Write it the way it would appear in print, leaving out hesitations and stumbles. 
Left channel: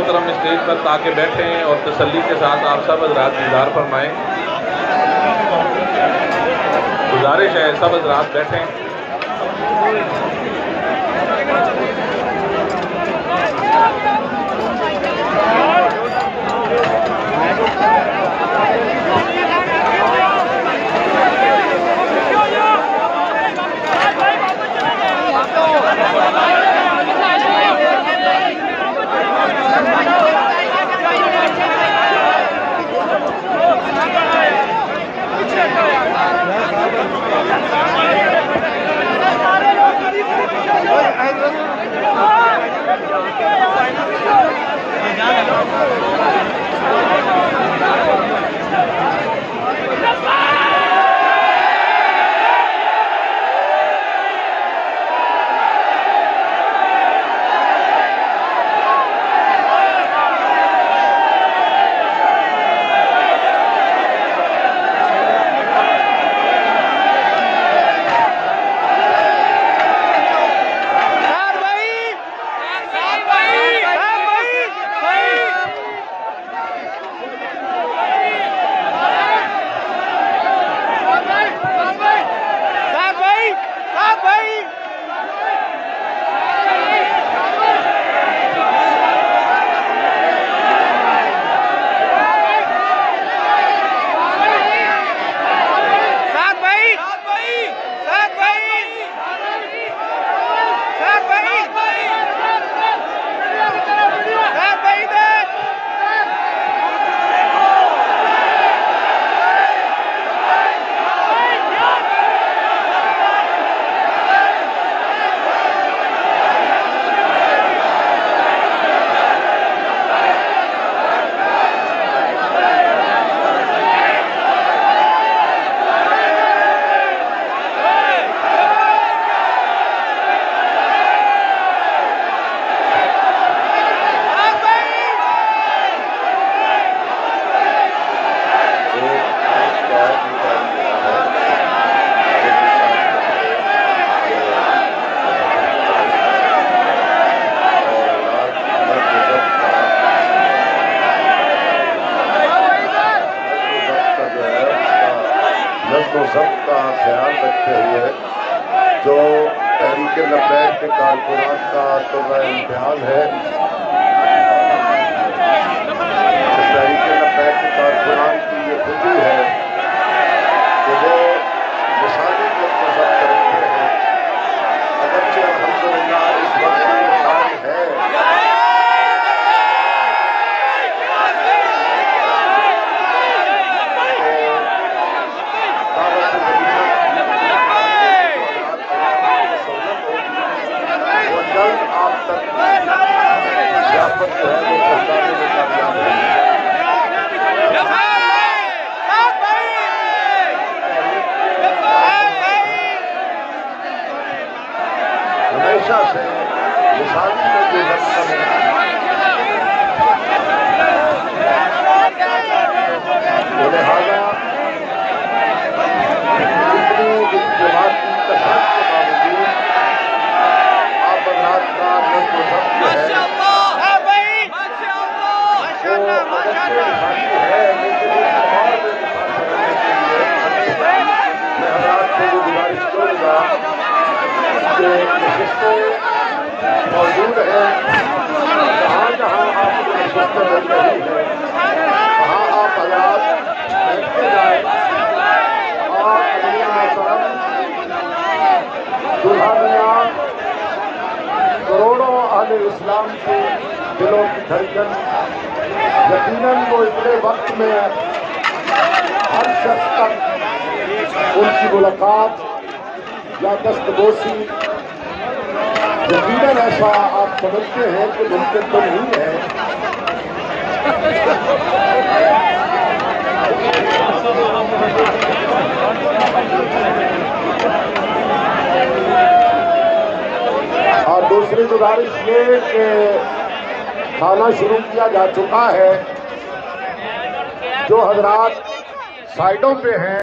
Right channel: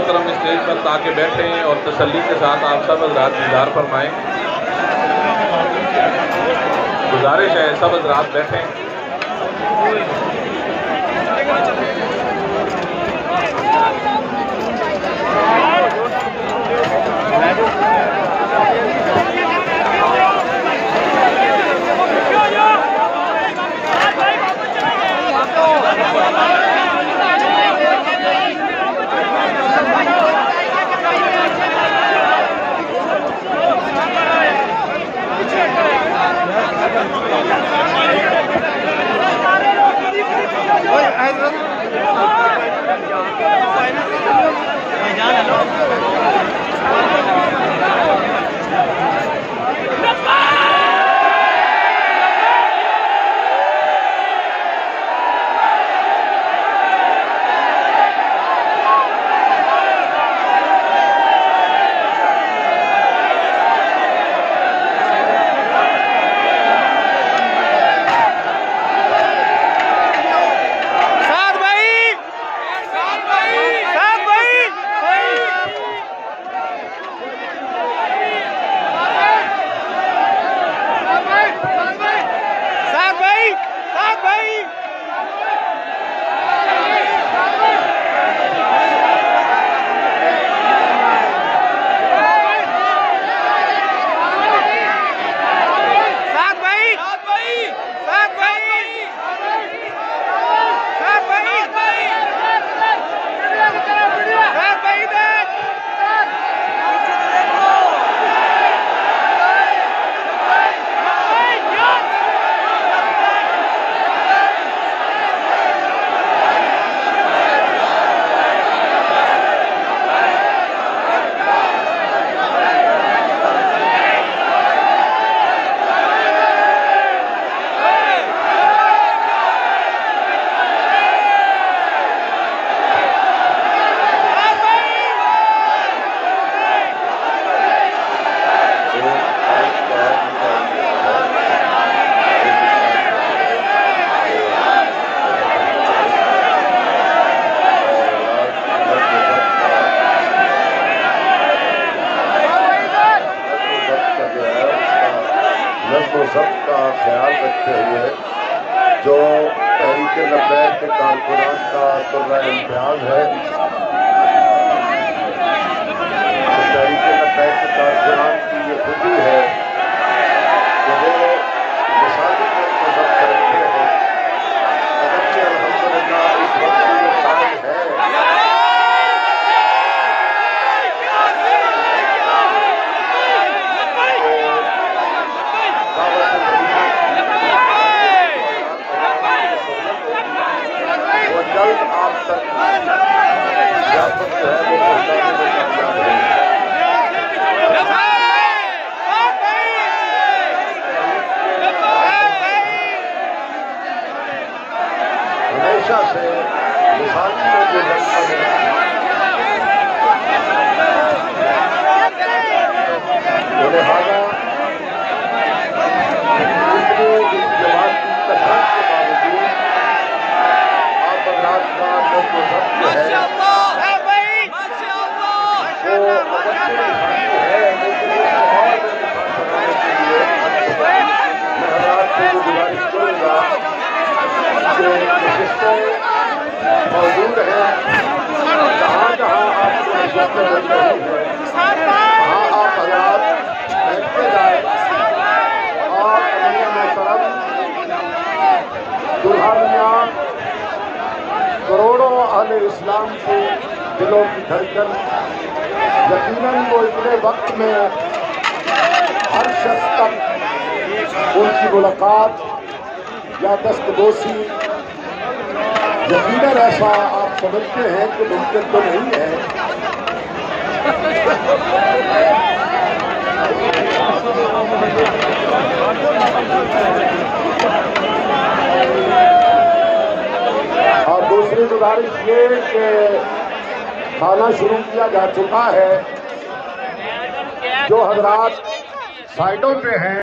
मोहतरम स्टेज पर ताकि बैठें और तसल्ली के साथ आप सब हज़रात दीदार फरमाएं। गुजारिश है सब हज़रात बैठें। ज़ब्त का ख्याल रखते हुए जो तहरीक लब्बैक के कारकुनान का तुर्रा इम्तिहान है, तहरीक लब्बैक के कारकुनान की ये खूबी है कि वो मिसाली को ज़ब्त रखते हैं। अगरचे अल्हम्दुलिल्लाह इस वक्त ये कायल है जल्द आप तक व्यापक जो है वो पहुंचाने में कामयाब होंगे। हमेशा से मिसाली में जो लगता है लिहाजा इतनी जमात की कसरत के बावजूद बदलाव का नज़्म व ज़ब्त है वो अगरचे है, लेकिन उसको और बेमिसाल बनाने के लिए मैं हज़रात से ये गुजारिश करूँगा कि नशिस्तें मौजूद हैं, जहाँ जहाँ आपको नशिस्तें मिल रही हैं वहाँ आप हज़रात देखते जाएं करोड़ों अहले इस्लाम के दिलों की धड़कन यकीनन वो इतने वक्त में हर शख्स तक उनकी मुलाकात या दस्तगोशी यकीनन ऐसा आप समझते हैं कि मुमकिन तो नहीं है। और दूसरी गुजारिश ये कि खाना शुरू किया जा चुका है। जो हजरात साइडों पे हैं